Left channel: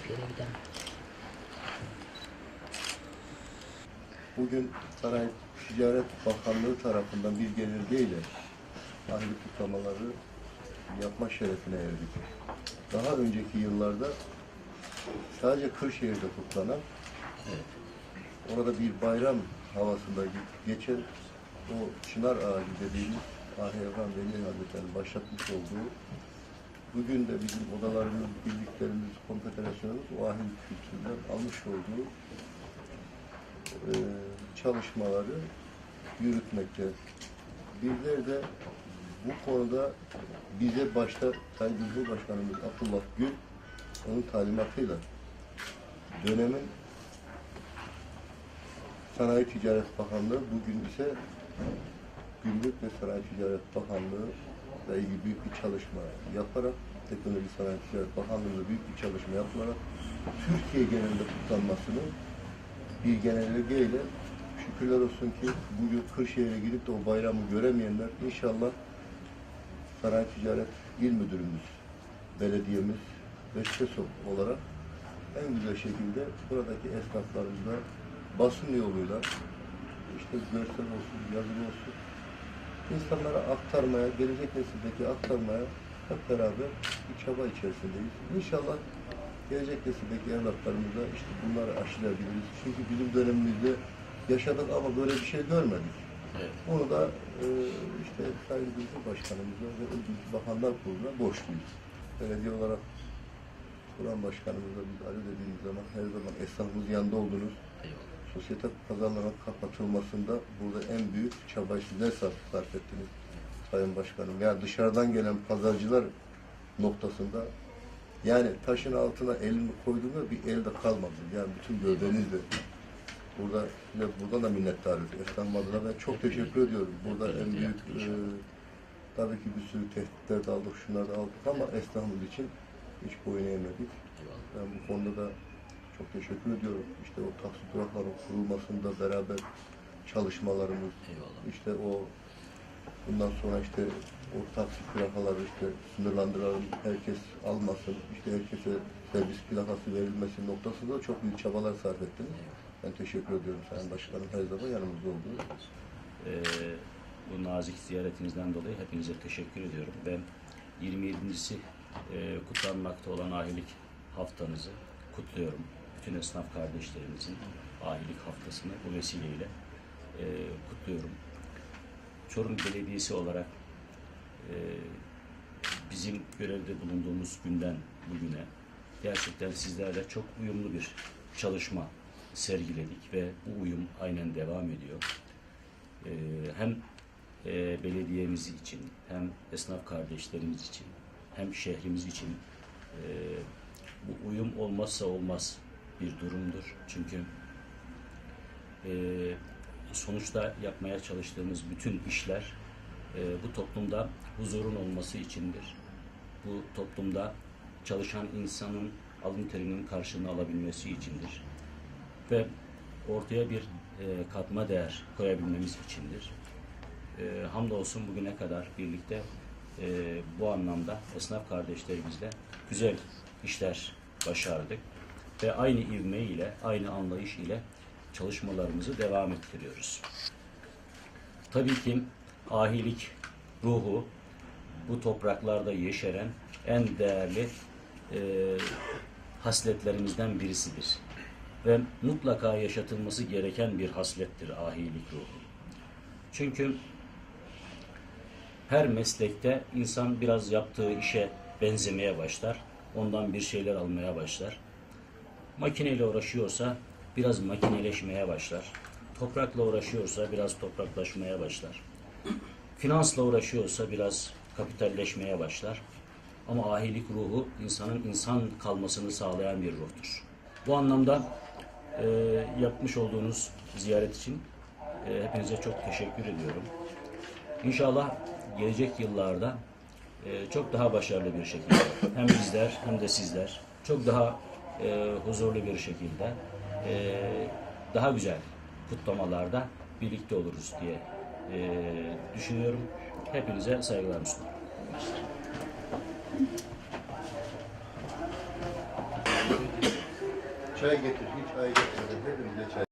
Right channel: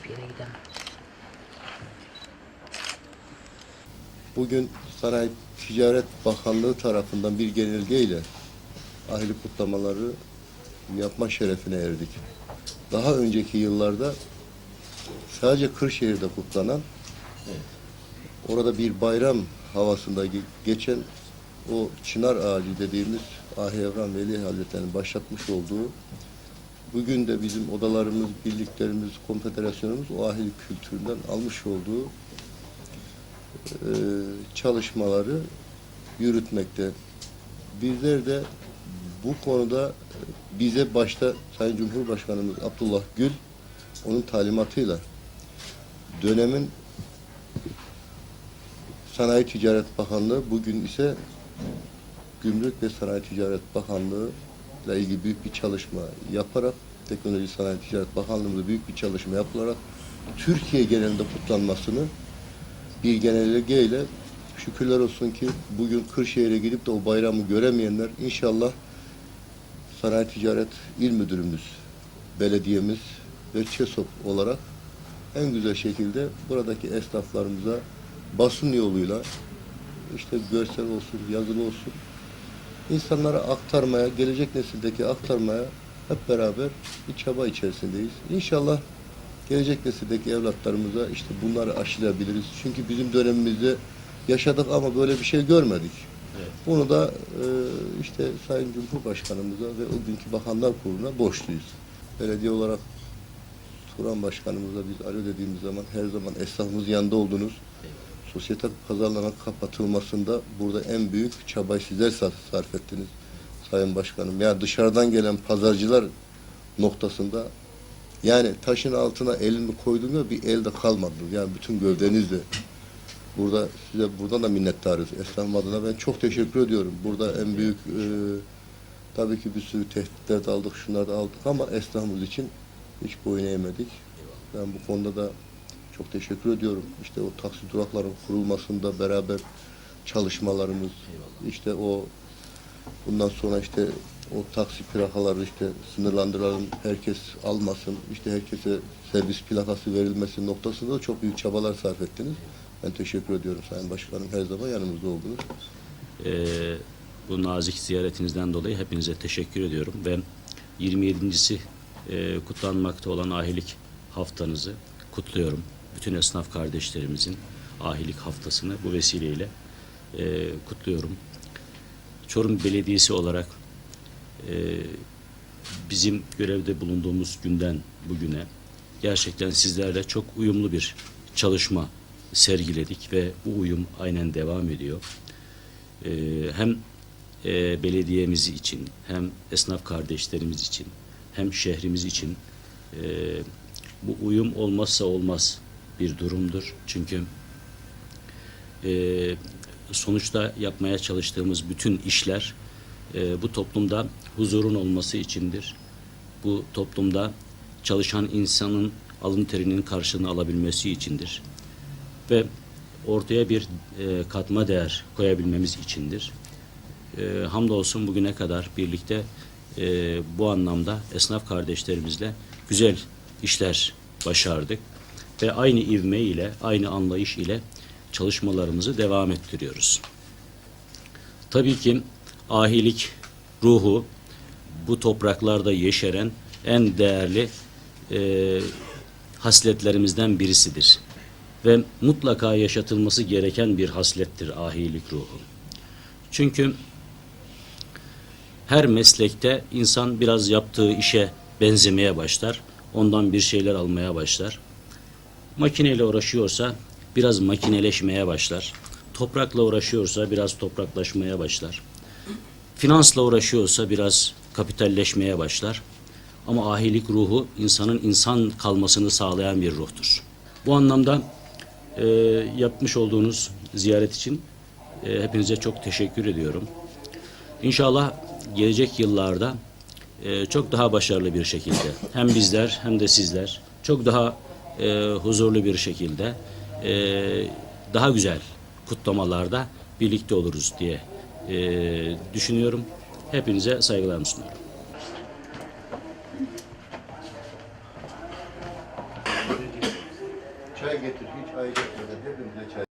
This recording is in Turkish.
Hiçbir yere gidemem. Bugün Sanayi Ticaret Bakanlığı tarafından bir genelgeyle ahli kutlamaları yapma şerefine erdik. Daha önceki yıllarda sadece Kırşehir'de kutlanan, orada bir bayram havasında ge- geçen o çınar ağacı dediğimiz Ahi Evran Veli Hazretleri'nin başlatmış olduğu bugün de bizim odalarımız, birliklerimiz, konfederasyonumuz o ahli kültüründen almış olduğu e, çalışmaları yürütmekte. Bizler de bu konuda bize başta Sayın Cumhurbaşkanımız Abdullah Gül onun talimatıyla dönemin Sanayi Ticaret Bakanlığı bugün ise Gümrük ve Sanayi Ticaret Bakanlığı ile ilgili büyük bir çalışma yaparak Teknoloji Sanayi Ticaret Bakanlığı'nda büyük bir çalışma yapılarak Türkiye genelinde kutlanmasını bir genelgeyle şükürler olsun ki bugün Kırşehir'e gidip de o bayramı göremeyenler inşallah Sanayi Ticaret İl Müdürümüz, belediyemiz ve ÇESOP olarak en güzel şekilde buradaki esnaflarımıza basın yoluyla işte görsel olsun, yazılı olsun insanlara aktarmaya, gelecek nesildeki aktarmaya hep beraber bir çaba içerisindeyiz. İnşallah gelecek nesildeki evlatlarımıza işte bunları aşılayabiliriz. Çünkü bizim dönemimizde yaşadık ama böyle bir şey görmedik. Bunu da e, işte Sayın Cumhurbaşkanımıza ve o günkü Bakanlar Kurulu'na borçluyuz. Belediye olarak Turan Başkanımıza biz alo dediğimiz zaman her zaman esnafımız yanında oldunuz. Sosyete pazarlarının kapatılmasında burada en büyük çabayı sizler sar- sarf ettiniz Sayın Başkanım. Yani dışarıdan gelen pazarcılar noktasında yani taşın altına elimi koyduğumda bir elde kalmadı. Yani bütün gövdenizle. Burada size buradan da minnettarız. Esnaf adına ben çok teşekkür ediyorum. Burada en büyük e, tabii ki bir sürü tehditler de aldık, şunlar da aldık ama esnafımız için hiç boyun eğmedik. Ben bu konuda da çok teşekkür ediyorum. İşte o taksi durakların kurulmasında beraber çalışmalarımız, işte o bundan sonra işte o taksi plakaları işte sınırlandıralım, herkes almasın, işte herkese servis plakası verilmesi noktasında da çok büyük çabalar sarf ettiniz. Ben teşekkür ediyorum Sayın Başkanım. Her zaman yanımızda oldunuz. Ee, bu nazik ziyaretinizden dolayı hepinize teşekkür ediyorum ve 27.si e, kutlanmakta olan ahilik haftanızı kutluyorum. Bütün esnaf kardeşlerimizin ahilik haftasını bu vesileyle e, kutluyorum. Çorum Belediyesi olarak e, bizim görevde bulunduğumuz günden bugüne gerçekten sizlerle çok uyumlu bir çalışma sergiledik ve bu uyum aynen devam ediyor. Ee, hem e, belediyemiz için hem esnaf kardeşlerimiz için hem şehrimiz için e, bu uyum olmazsa olmaz bir durumdur. Çünkü e, sonuçta yapmaya çalıştığımız bütün işler e, bu toplumda huzurun olması içindir. Bu toplumda çalışan insanın alın terinin karşılığını alabilmesi içindir. Ve ortaya bir e, katma değer koyabilmemiz içindir. E, hamdolsun bugüne kadar birlikte e, bu anlamda esnaf kardeşlerimizle güzel işler başardık ve aynı ivme ile, aynı anlayış ile çalışmalarımızı devam ettiriyoruz. Tabii ki ahilik ruhu bu topraklarda yeşeren en değerli e, hasletlerimizden birisidir. Ve mutlaka yaşatılması gereken bir haslettir ahilik ruhu. Çünkü her meslekte insan biraz yaptığı işe benzemeye başlar. Ondan bir şeyler almaya başlar. Makineyle uğraşıyorsa biraz makineleşmeye başlar. Toprakla uğraşıyorsa biraz topraklaşmaya başlar. Finansla uğraşıyorsa biraz kapitalleşmeye başlar. Ama ahilik ruhu insanın insan kalmasını sağlayan bir ruhtur. Bu anlamda e, yapmış olduğunuz ziyaret için e, hepinize çok teşekkür ediyorum. İnşallah gelecek yıllarda e, çok daha başarılı bir şekilde hem bizler hem de sizler çok daha e, huzurlu bir şekilde e, daha güzel kutlamalarda birlikte oluruz diye e, düşünüyorum. Hepinize saygılarımı sunuyorum. Çay getir, hiç çay getirmeden hepimize çay.